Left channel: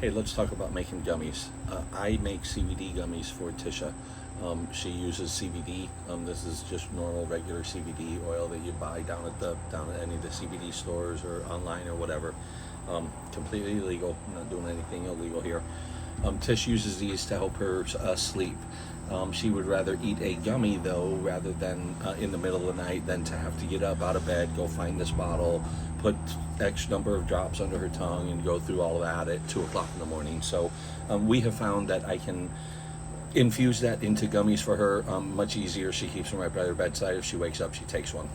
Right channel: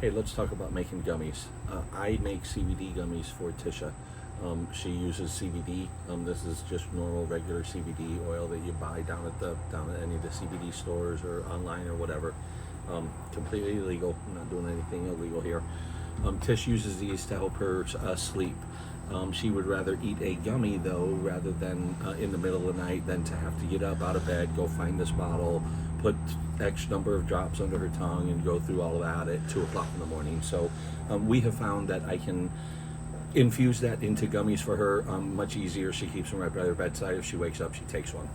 Hey, let's talk about making gummies. I make CBD gummies for Tisha. She uses CBD. This is just normal, regular CBD oil that you buy down at any of the CBD stores or online or whatever. Completely legal. I'm not doing anything illegal here. Tish uses these to help her sleep. She would rather eat a gummy though, rather than in the middle of the night, than to have to get up out of bed, go find this bottle, put X number of drops under her tongue, and go through all of that at 2 o'clock in the morning. So we have found that I can infuse that into gummies for her much easier. She keeps them right by her bedside. If she wakes up, she takes one.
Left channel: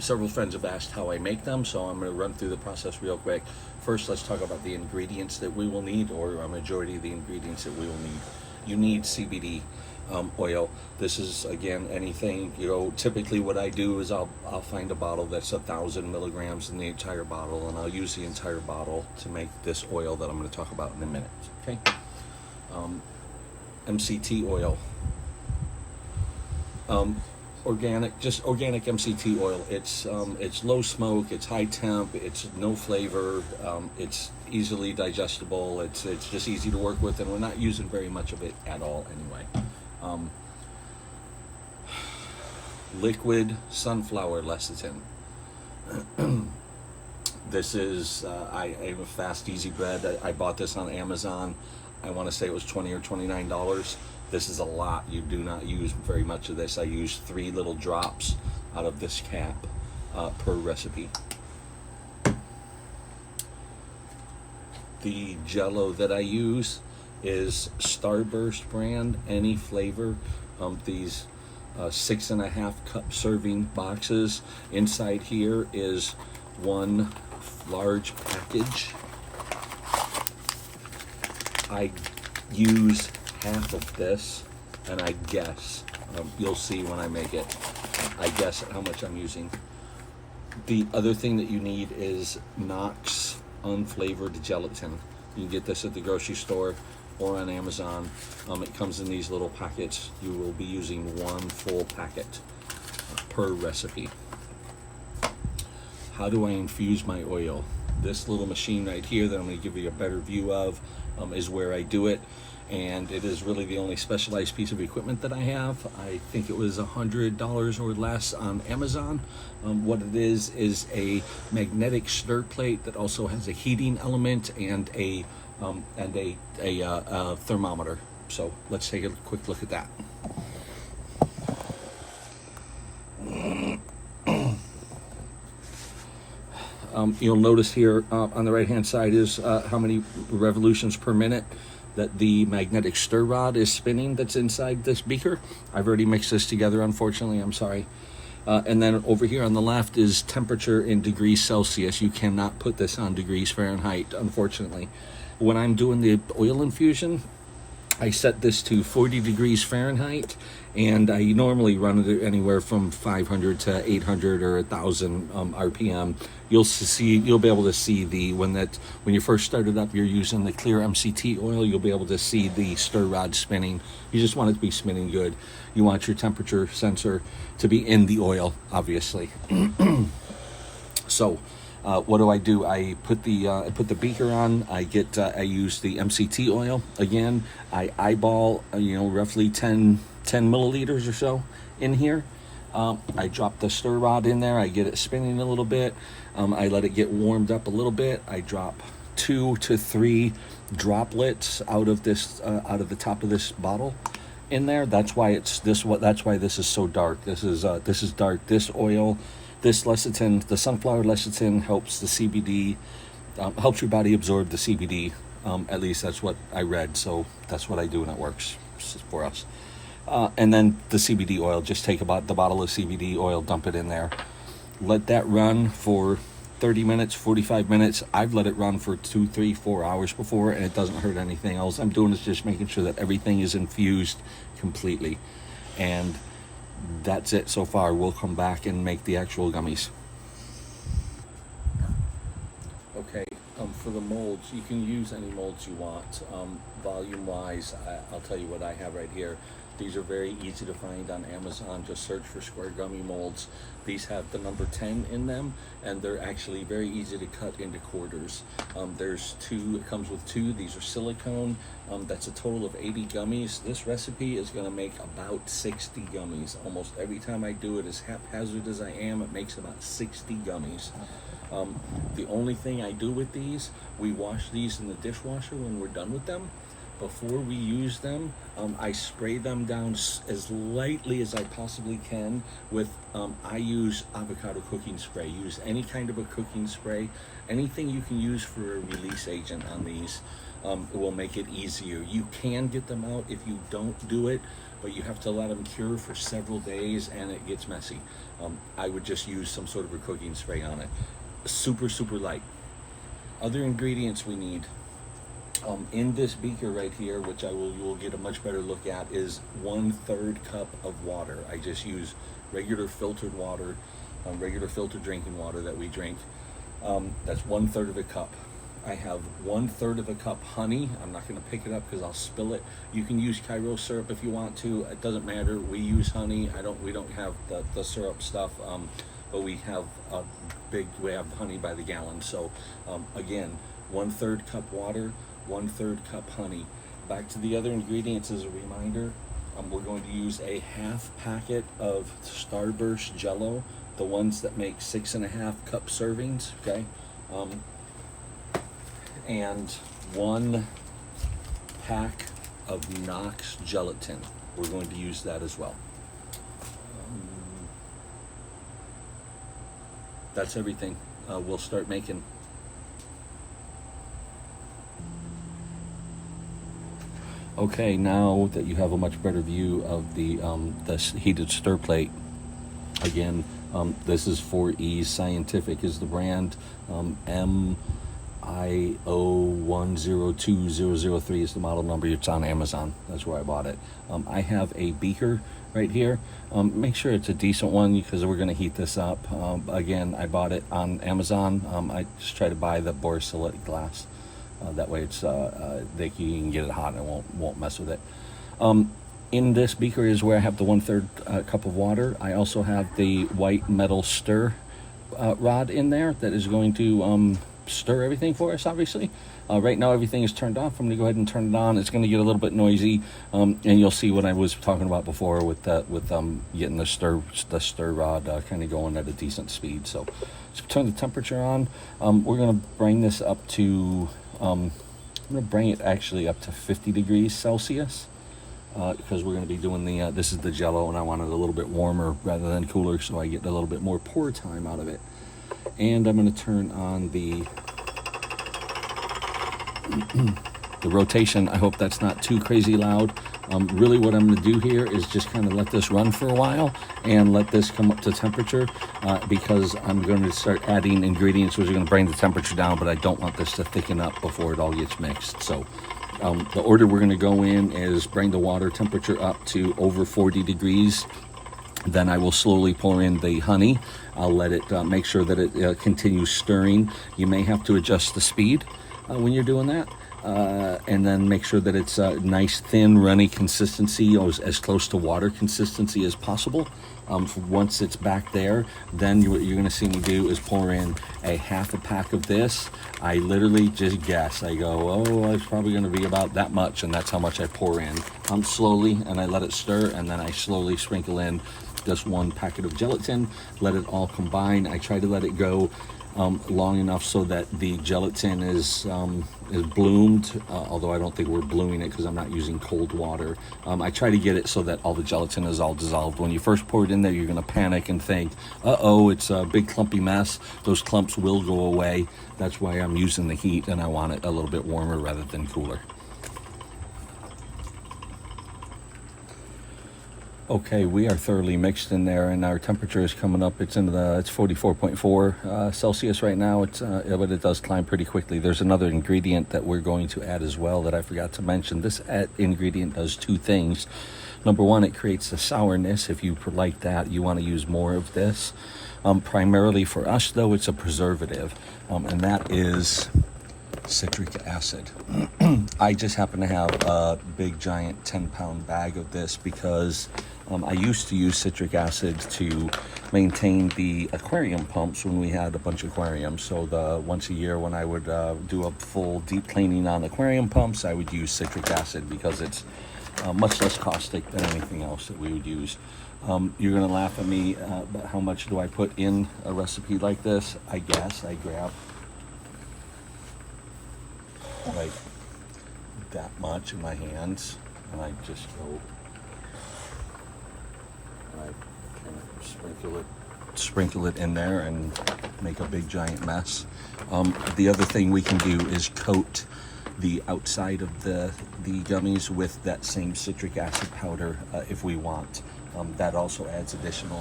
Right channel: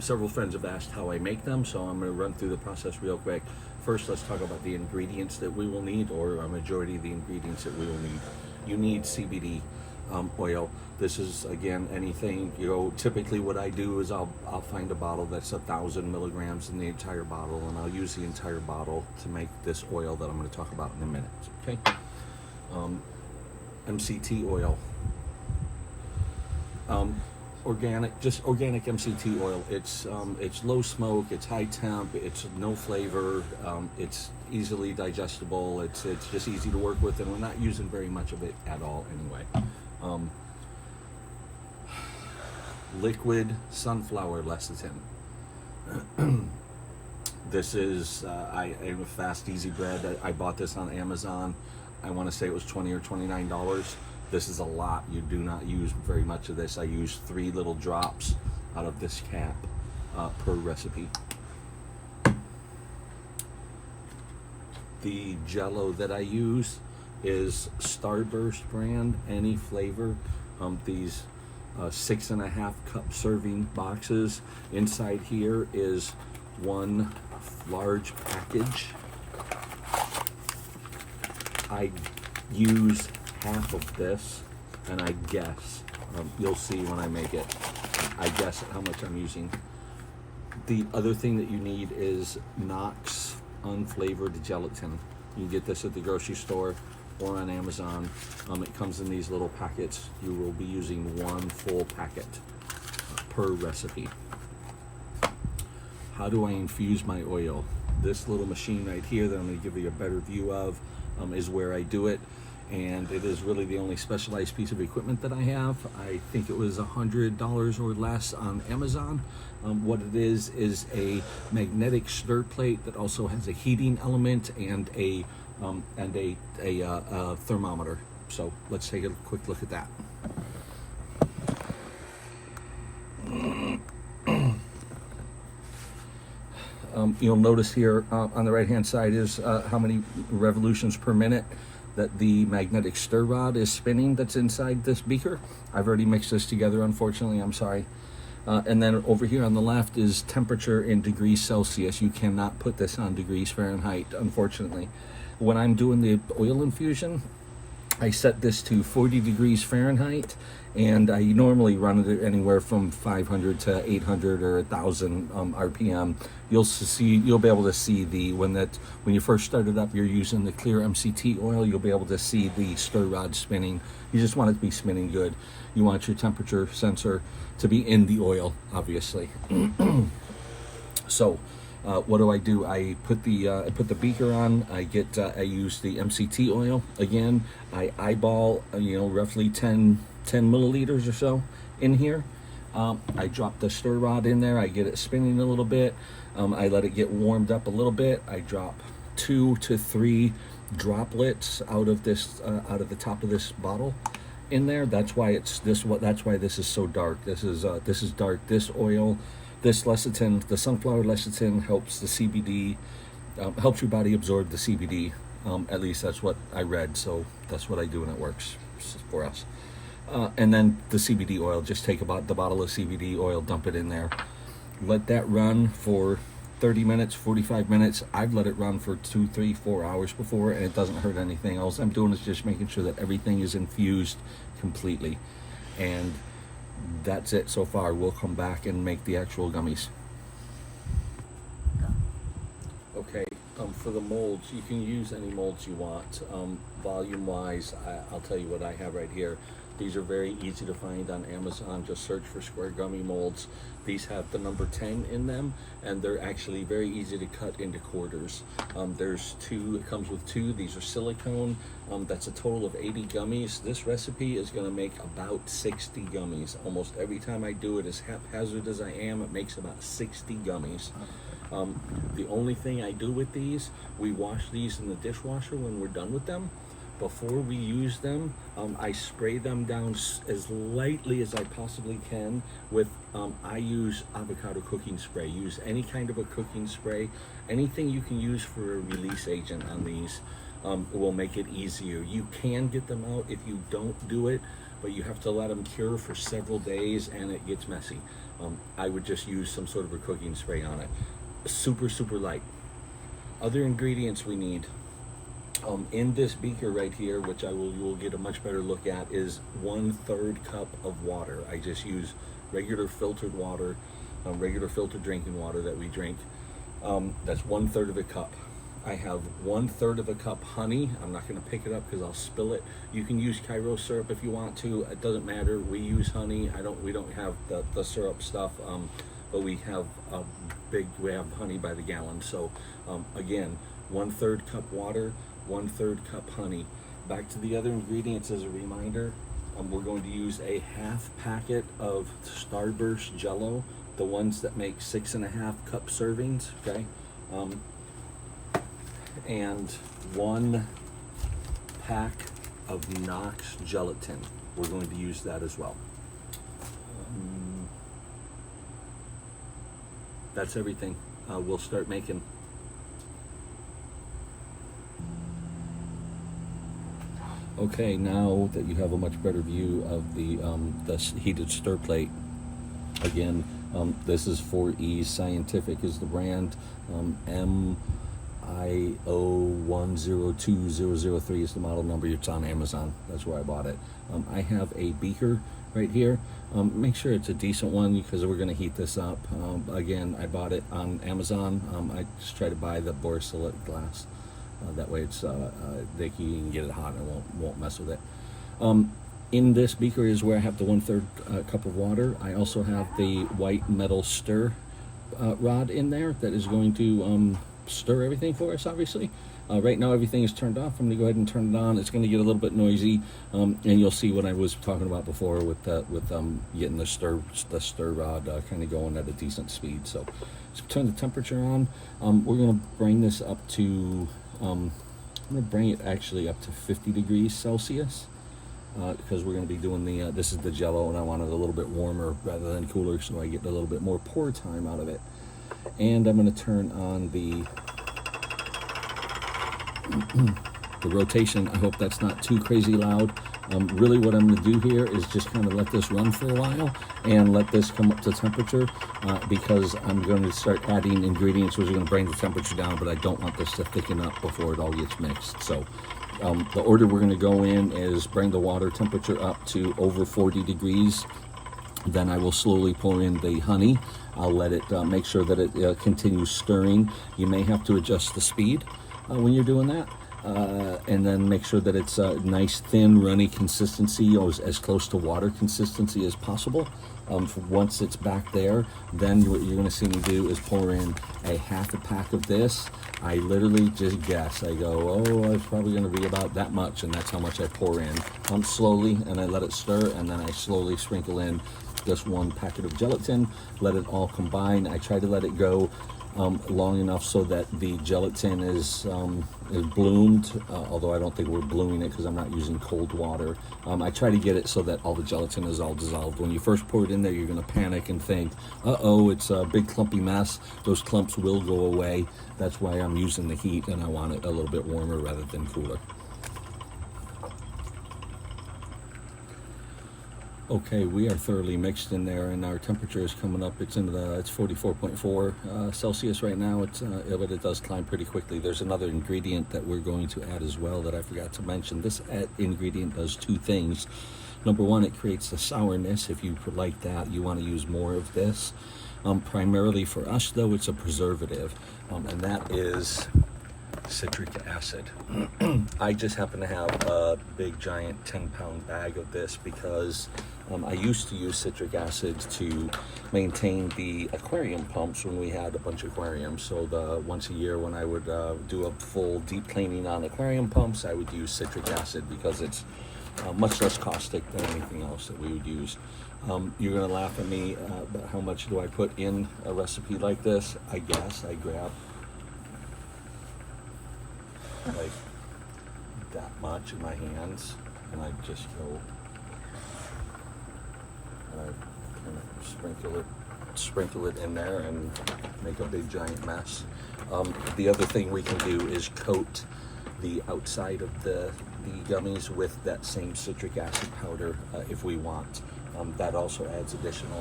Several friends have asked how I make them, so I'm going to run through the process real quick. First, let's talk about the ingredients that we will need, or a majority of the ingredients that we will need. You need CBD oil. This is, again, anything, typically what I do is I'll find a bottle that's 1,000 milligrams in the entire bottle, and I'll use the entire bottle to make this oil that I'm going to talk about in a minute. Okay. MCT oil. Organic MCT oil. It's low smoke, it's high temp, it's no flavor, it's easily digestible, it's just easy to work with, and we're not using very much of it at all anyway. Liquid sunflower lecithin. This is I am a fast, easy bread. I bought this on Amazon. I want to say it was $20 or $29. This is a lot. You do not use very much of this. I use 3 little drops out of this cap per recipe. The Jello that I use is Starburst brand, any flavor. These 6.5 cup serving boxes. Inside here is 1 large package. I use half of this, and I guess, you'll see when I make it, I guess at how much I'm using. The other thing that you need is Knox unflavored gelatin. You can get this at the grocery store or on Amazon. It comes in these little packets. You will be using 1 full packet per recipe. How do I infuse my oil? This little machine right here that I'm going to give you a better view of is where I do it, and it is really the only specialized piece of equipment that I have. I think it was $100 or less on Amazon. What it is a magnetic stir plate that also has a heating element and a thermometer. So let's take a quick look at that. You'll notice here on the right hand side is how many revolutions per minute that the magnetic stir rod is spinning that's inside this beaker. I've already mixed this together, unfortunately, I'm sorry. And then over here on the left is temperature in degrees Celsius. You cannot put this on degrees Fahrenheit, unfortunately. When I'm doing the oil infusion, I set this to 40 degrees Fahrenheit, and I normally run it anywhere from 500 to 800 or 1,000 RPM. You'll be able to see when you first start it up, you're using the clear MCT oil. You'll be able to see the stir rod spinning. You just want it to be spinning good. You want your temperature sensor to be in the oil, obviously. So, what do? I put the beaker on. I use the MCT oil again. I eyeball roughly 10 milliliters or so in here. I drop the stir rod in there. I get it spinning a little bit. I let it get warmed up a little bit. I drop 2 to 3 droplets out of the top of this bottle in there. That's why that's why this is so dark. This is dark. This oil, this lecithin, the sunflower lecithin, helps the CBD, helps your body absorb the CBD. At least that's what I read, so that's what I do, and it works for us. And then the CBD oil, just take about the bottle of CBD oil, dump it in there. Let that run for 30 minutes, 45 minutes. I've let it run for 2, 3, 4 hours before, and it doesn't hurt anything else. I'm doing is just making sure that everything is infused completely. And that's it so far. We'll come back and make the actual gummies. Okay, for the molds, you can use any molds you want. Volume wise, I'll tell you what I have right here. These are very easy to find on Amazon. Just search for square gummy molds. These have the number 10 in them, and they're actually very easy to cut into quarters. There's two, it comes with two. These are silicone. That's a total of 80 gummies. This recipe is gonna make about 60 gummies. Almost every time I do it, as haphazard as I am, it makes about 60 gummies. The only thing I do with these, we wash these in the dishwasher when we're done with them. Before we use them, I spray them down as lightly as I possibly can with, I use avocado cooking spray. Use any kind of a cooking spray. Anything you can use for a release agent on these will make it easier. You can get them out if you don't do it, but you have to let them cure for several days and it gets messy. I would just use some sort of a cooking spray on it. Super, super light. Other ingredients we need. In this beaker right here, which you will get a much better look at, is 1/3 cup of water. I just use regular filtered water, regular filtered drinking water that we drink. That's 1/3 of a cup. I have 1/3 of a cup honey. I'm not going to pick it up because I'll spill it. You can use Cairo syrup if you want to. It doesn't matter. We use honey. We don't have the syrup stuff, but we have honey by the gallon. So again, 1/3 cup water, 1/3 cup honey. Back to the other ingredients as a reminder. We're going to use a half packet of Starburst Jello, the ones that make 6.5 cup servings, okay? And 1 pack of Knox gelatin. We're going to use that as well. That's everything. We'll start making. Okay, now that you have a much better view of the this heated stir plate, again, this is 4E Scientific is the brand. MIO102003 is the model number. It's on Amazon. That's where I bought it. I have a beaker right here. Make sure it's a decent one because we're going to heat this up. Again, I bought it on Amazon. I just try to buy the borosilicate glass. That way it's you can get it hot and it won't mess with it. In this beaker is where I have the 1/3 cup of water. I also have the white metal stir rod in there that is going to stir everything for us, obviously. Right now everything is turned off. I'm going to go ahead and turn it on. It's going to get a little bit noisy, and you'll see what I was talking about before with getting the stir rod kind of going at a decent speed. So let's turn the temperature on. We're going to bring this up to I'm going to bring it actually up to 50 degrees Celsius because we're going to be doing this is the Jello, and I want it a little bit warmer rather than cooler, so I get a little bit more pour time out of it. And I'm going to turn on the rotation. I hope that's not too crazy loud. Really what I'm going to do here is just kind of let this run for a while and let this come up to temperature because I'm going to start adding ingredients which are going to bring the temperature down, but I don't want this to thicken up before it all gets mixed. So the order we're going to go in is bring the water temperature up to over 40 degrees. Then I will slowly pour in the honey. I'll let it make sure that it continues stirring. You may have to adjust the speed when you're doing that. And then make sure that it's a nice thin runny consistency, or as close to water consistency as possible. Once it's back there, then what you're going to see me do is pour in a half a pack of this. I literally just guess. I go, oh, it's probably going to be about that much, and that's how much I pour in. Slowly, and I let it stir, and then I slowly sprinkle in this 1 packet of gelatin. Let it all combine. I try to let it go long enough so that the gelatin is bloomed, although I don't think we're blooming it because I'm not using cold water. I try to get it so that all the gelatin is all dissolved. When you first pour it in there, you're going to panic and think, uh-oh, it's a big clumpy mess. Those clumps will go away. That's why I'm using the heat, and I want it a little bit warmer rather than cooler. Okay, we are thoroughly mixed in there, and our temperature is coming up. It's 44.4 Celsius right now. But it does climb pretty quickly. There's another ingredient that we're going to add as well that I forgot to mention. This ingredient does 2 things. Number 1, it creates a sourness. If you like that, you want to use more of this. Primarily for us, though, it's a preservative, and that is citric acid. I just happen to have a big giant 10-pound bag of this because I used to use citric acid to maintain the aquarium pumps when we had a bunch of aquariums. So once a year when I would do a full deep cleaning on aquarium pumps, I would use citric acid because it's much less caustic than anything else that we would use. You're gonna laugh at me, but how much do I put in a recipe like this? I guess I grab like that much in my hands, and I just go, and I kind of sprinkle it in there and make a big giant mess. The other thing we can do is coat the outside of the gummies with that same citric acid powder if we want. That also adds additional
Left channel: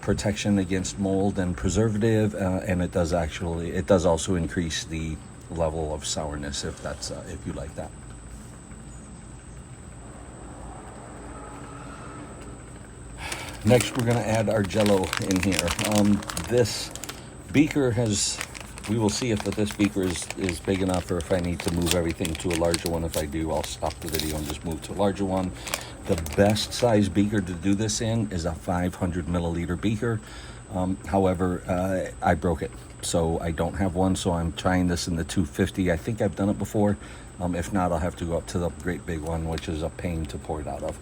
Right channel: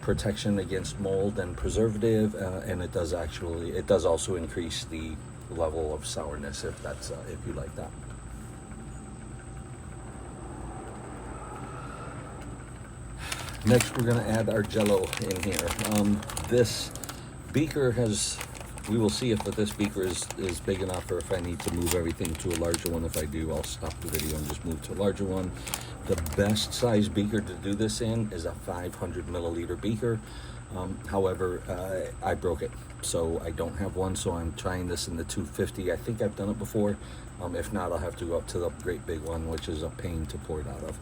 protection against mold and preservative, and it does also increase the level of sourness if you like that. Next, we're going to add our Jello in here. This beaker we will see if this beaker is big enough, or if I need to move everything to a larger one. If I do, I'll stop the video and just move to a larger one. The best size beaker to do this in is a 500 milliliter beaker. However, I broke it, so I don't have one, so I'm trying this in the 250. I think I've done it before. If not, I'll have to go up to the great big one, which is a pain to pour it out of.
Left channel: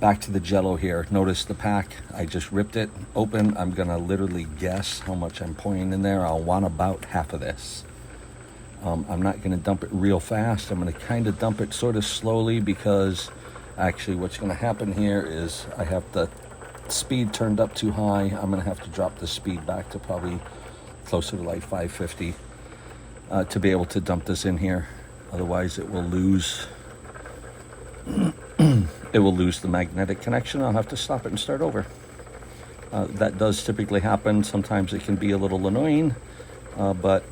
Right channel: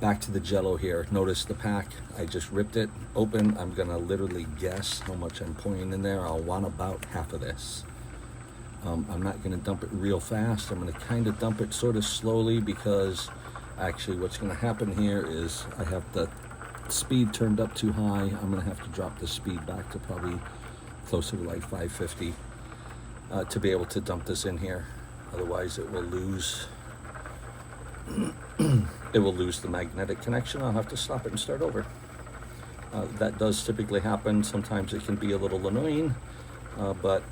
Back to the Jello here. Notice the pack. I just ripped it open. I'm gonna literally guess how much I'm pouring in there. I'll want about half of this. I'm not gonna dump it real fast. I'm gonna kind of dump it sort of slowly, because actually what's gonna happen here is I have the speed turned up too high. I'm gonna have to drop the speed back to probably closer to like 550 to be able to dump this in here. Otherwise it will lose the magnetic connection. I'll have to stop it and start over. That does typically happen. Sometimes it can be a little annoying, but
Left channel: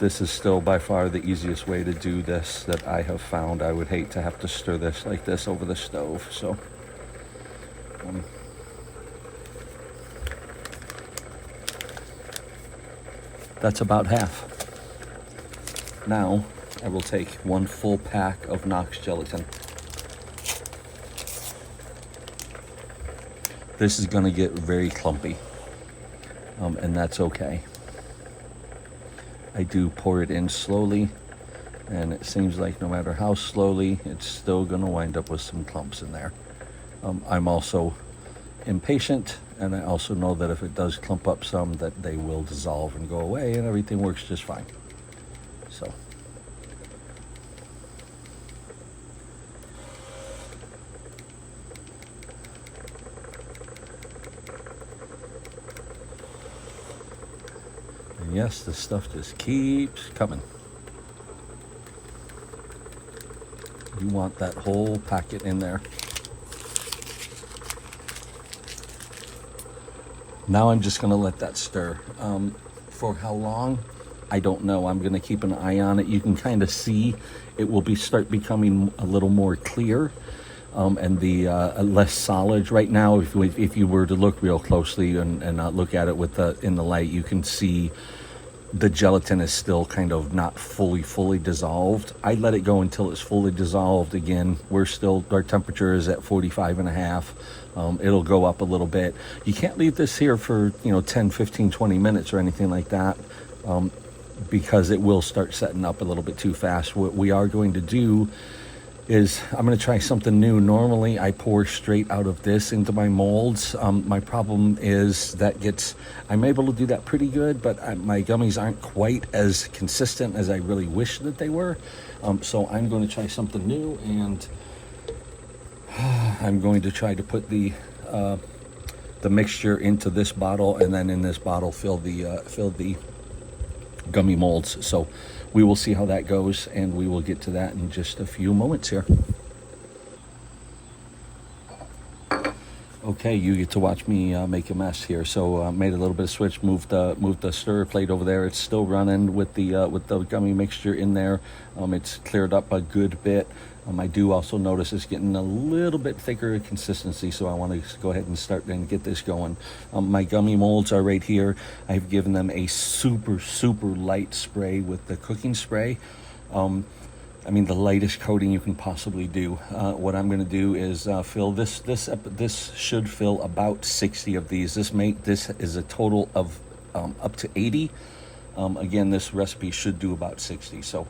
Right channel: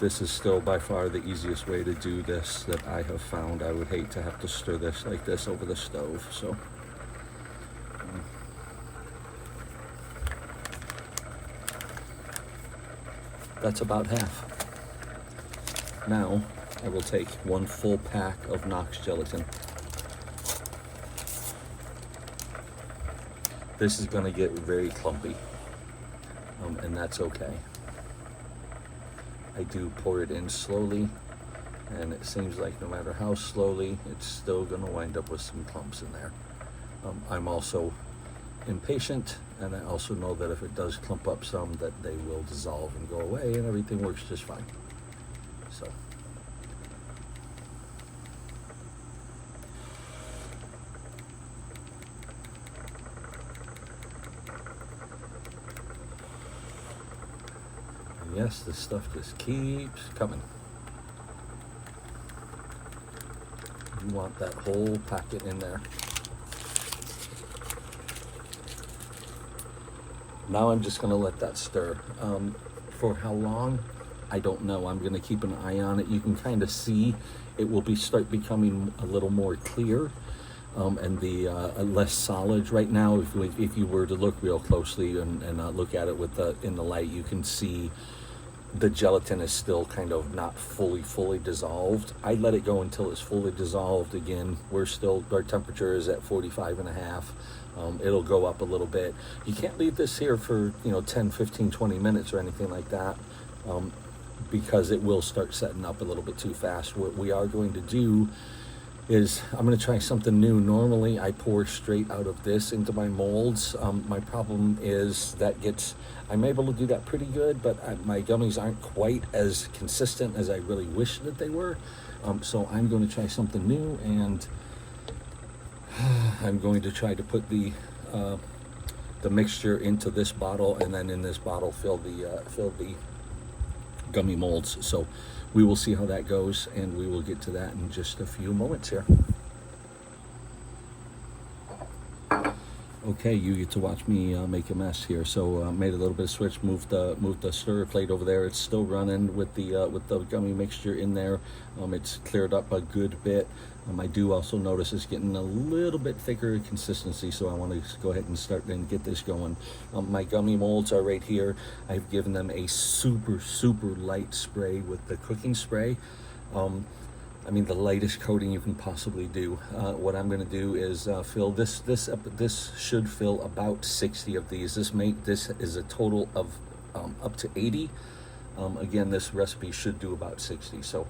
this is still by far the easiest way to do this that I have found. I would hate to have to stir this like this over the stove, so that's about half. Now I will take one full pack of Knox gelatin. This is going to get very clumpy, and that's okay. I do pour it in slowly, and it seems like no matter how slowly, it's still going to wind up with some clumps in there. I'm also impatient, and I also know that if it does clump up some, that they will dissolve and go away, and everything works just fine. So. Yes, this stuff just keeps coming. You want that whole packet in there. Now I'm just gonna let that stir. For how long? I don't know. I'm gonna keep an eye on it. You can kind of see it will start becoming a little more clear, and the less solid. Right now, if you were to look real closely and not look at it in the light, you can see the gelatin is still kind of not fully dissolved. I let it go until it's fully dissolved. Again, our temperature is at 45.5. It'll go up a little bit. You can't leave this here for 10, 15, 20 minutes or anything like that, because it will start setting up a little bit too fast. What we are going to do is I'm going to try something new. Normally I pour straight out of this into my molds. My problem is I'm able to do that pretty good, but my gummies aren't quite as consistent as I really wish that they were. So I'm going to try something new, and I'm going to try to put the mixture into this bottle, and then in this bottle fill the gummy molds. So we will see how that goes, and we will get to that in just a few moments here. Okay, you get to watch me make a mess here. So made a little bit of switch, moved the stirrer plate over there. It's still running with the gummy mixture in there. It's cleared up a good bit. I do also notice it's getting a little bit thicker in consistency, so I want to go ahead and start and get this going. My gummy molds are right here. I've given them a super, super light spray with the cooking spray. I mean, the lightest coating you can possibly do. What I'm going to do is fill this. This should fill about 60 of these. This is a total of up to 80. Again, this recipe should do about 60. So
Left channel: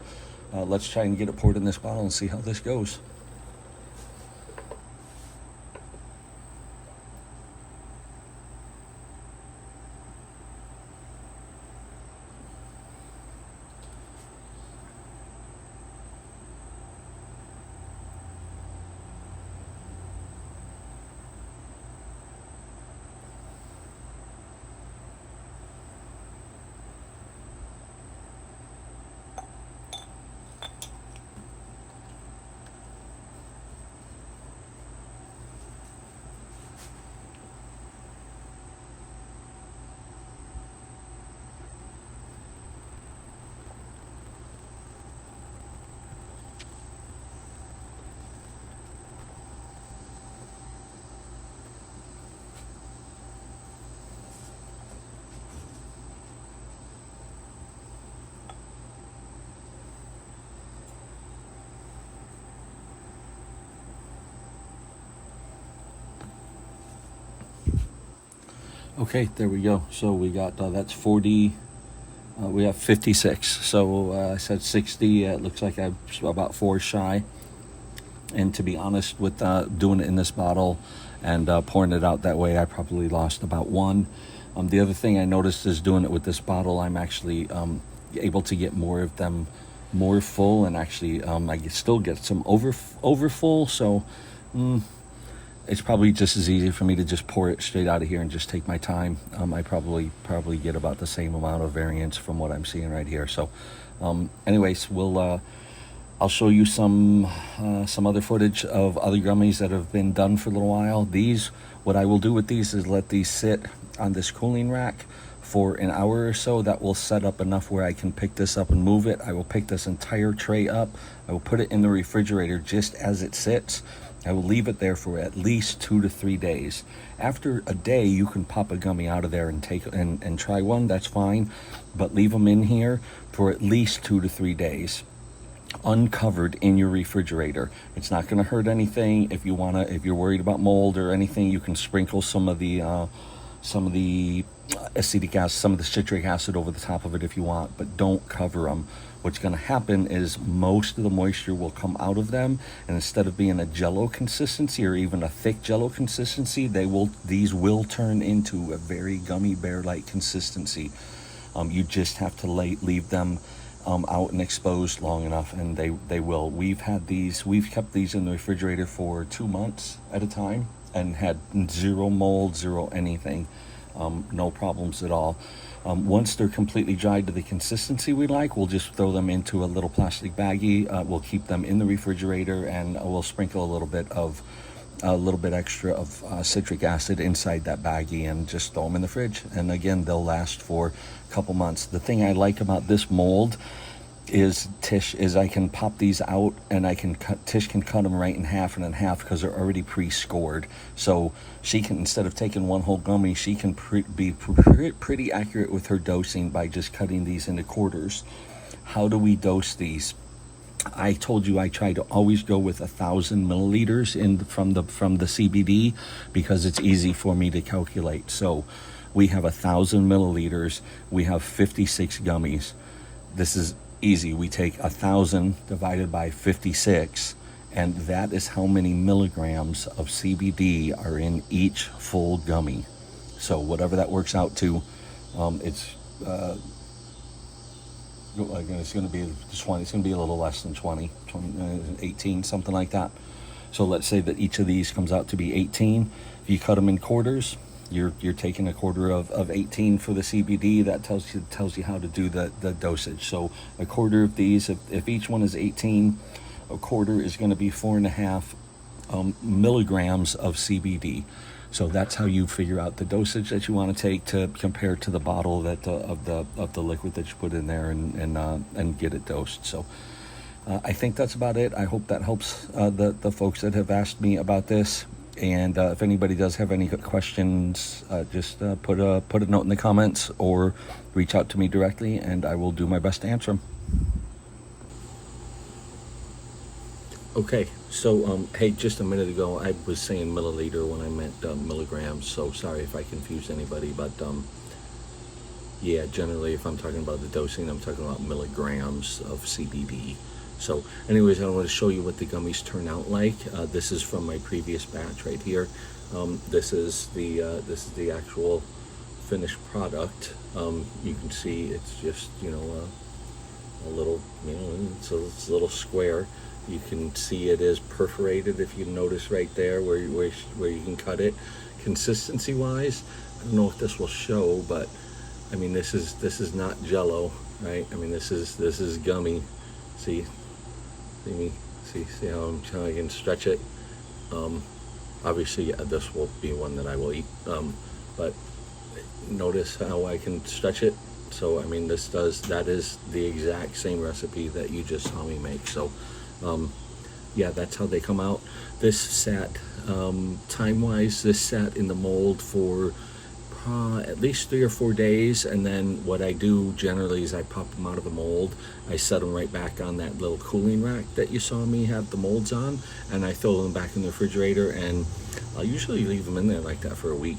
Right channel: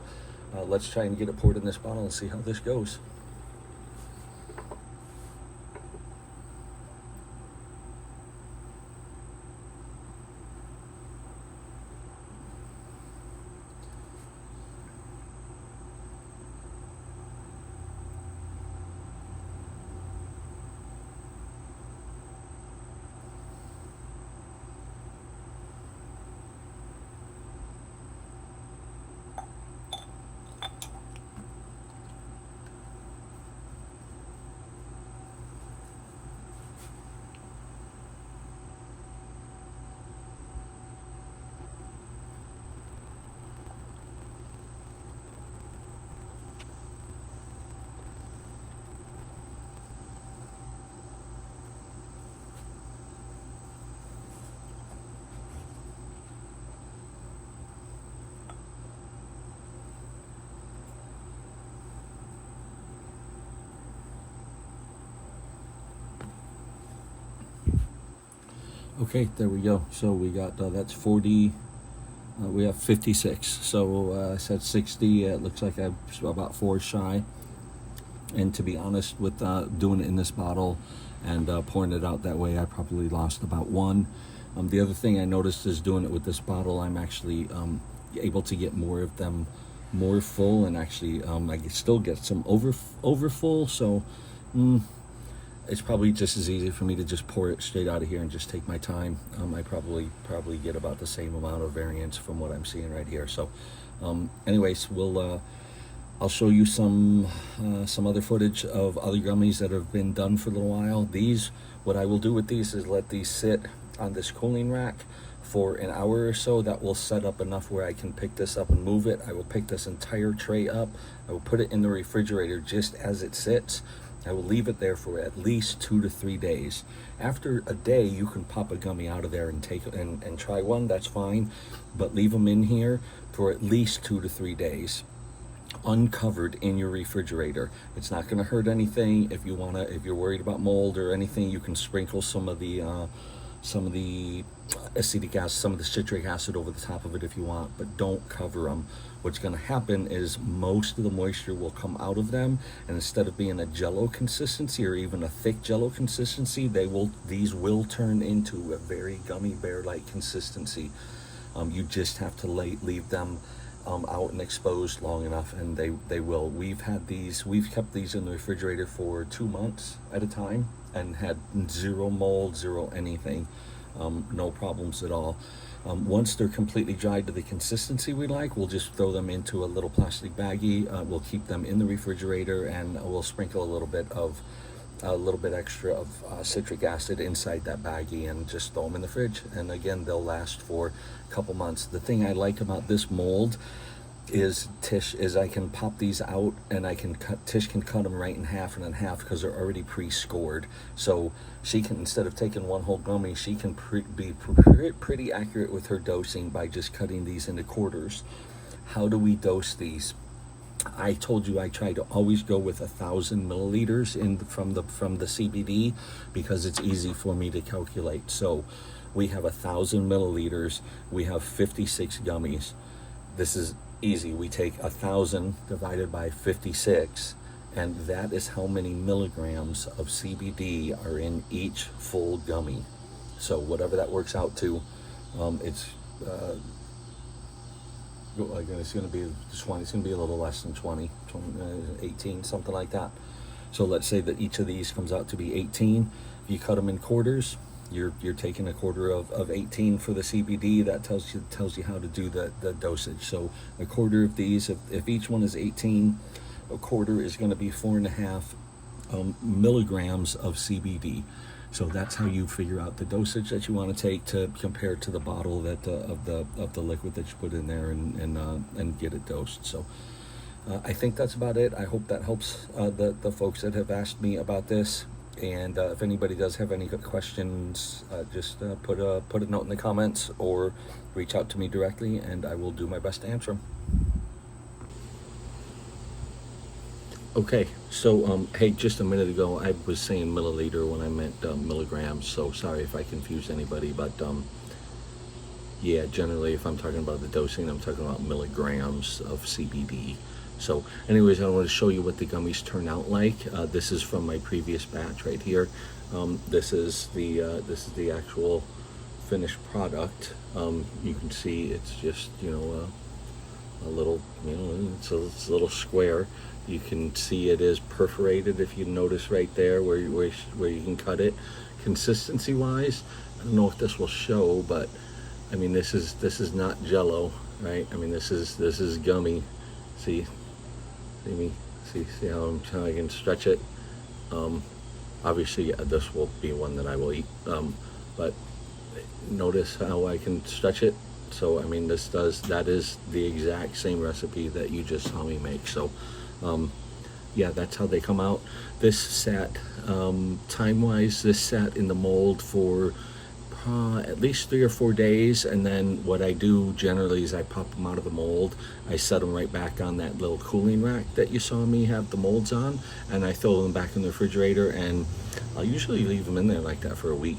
let's try and get it poured in this bottle and see how this goes. Okay, there we go. So we got, that's 40, we have 56. So I said 60, it looks like I'm about 4 shy. And to be honest, with doing it in this bottle and pouring it out that way, I probably lost about 1. The other thing I noticed is doing it with this bottle, I'm actually able to get more of them more full, and actually I still get some over full. So it's probably just as easy for me to just pour it straight out of here and just take my time. I probably get about the same amount of variance from what I'm seeing right here. So anyways, I'll show you some other footage of other gummies that have been done for a little while. What I will do with these is let these sit on this cooling rack for an hour or so. That will set up enough where I can pick this up and move it. I will pick this entire tray up. I will put it in the refrigerator just as it sits. I will leave it there for at least 2 to 3 days. After a day, you can pop a gummy out of there and take and try one. That's fine, but leave them in here for at least 2 to 3 days, uncovered in your refrigerator. It's not going to hurt anything. If you're worried about mold or anything, you can sprinkle some of the acetic acid, some of the citric acid over the top of it if you want, but don't cover them. What's going to happen is most of the moisture will come out of them, and instead of being a jello consistency or even a thick jello consistency, these will turn into a very gummy bear-like consistency. You just have to leave them out and exposed long enough, and they will. We've kept these in the refrigerator for 2 months at a time and had 0 mold, 0 anything. No problems at all. Once they're completely dried to the consistency we like, we'll just throw them into a little plastic baggie. We'll keep them in the refrigerator, and we'll sprinkle a little bit extra of citric acid inside that baggie and just throw them in the fridge. And again, they'll last for a couple months. The thing I like about this mold is I can pop these out, and Tish can cut them right in half and in half because they're already pre-scored. So she can, instead of taking one whole gummy, she can be pretty accurate with her dosing by just cutting these into quarters. How do we dose these? I told you I try to always go with 1,000 milliliters from the CBD because it's easy for me to calculate. So we have 1,000 milliliters. We have 56 gummies. This is easy. We take 1,000 divided by 56, and that is how many milligrams of CBD are in each full gummy. So whatever that works out to, it's going to be 20. It's going to be a little less than 20, 18, something like that. So let's say that each of these comes out to be 18. If you cut them in quarters, you're taking a quarter of 18 for the CBD. That tells you how to do the dosage. So a quarter of these, if each one is 18, a quarter is going to be 4.5 milligrams of CBD. So that's how you figure out the dosage that you want to take to compare to the bottle of the liquid that you put in there and get it dosed. So I think that's about it. I hope that helps the folks that have asked me about this. And if anybody does have any questions, just put a note in the comments or reach out to me directly, and I will do my best to answer them. Okay, so hey, just a minute ago I was saying milliliter when I meant milligrams, so sorry if I confused anybody, but yeah, generally if I'm talking about the dosing, I'm talking about milligrams of CBD. So anyways, I want to show you what the gummies turn out like. This is from my previous batch right here. This is the actual finished product. You can see it's just, you know, a little, you know, it's a little square. You can see it is perforated, if you notice right there where you can cut it. Consistency wise, I don't know if this will show, but I mean, this is not Jello, right? I mean, this is gummy. See me? See how I can stretch it? Obviously, yeah, this will be one that I will eat. But notice how I can stretch it. So I mean, that is the exact same recipe that you just saw me make. So yeah, that's how they come out. This sat, time-wise, this sat in the mold for at least 3 or 4 days, and then what I do generally is I pop them out of the mold. I set them right back on that little cooling rack that you saw me have the molds on, and I throw them back in the refrigerator, and I'll usually leave them in there like that for a week,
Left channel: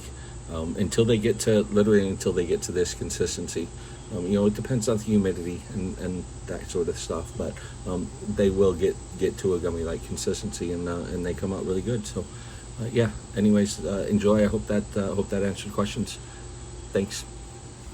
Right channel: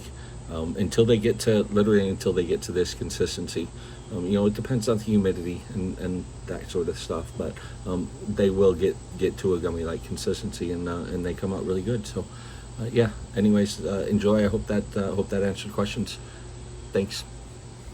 until they get to this consistency. You know, it depends on the humidity and that sort of stuff, but they will get to a gummy-like consistency, and they come out really good. So yeah, anyways, enjoy. I hope that answered questions. Thanks.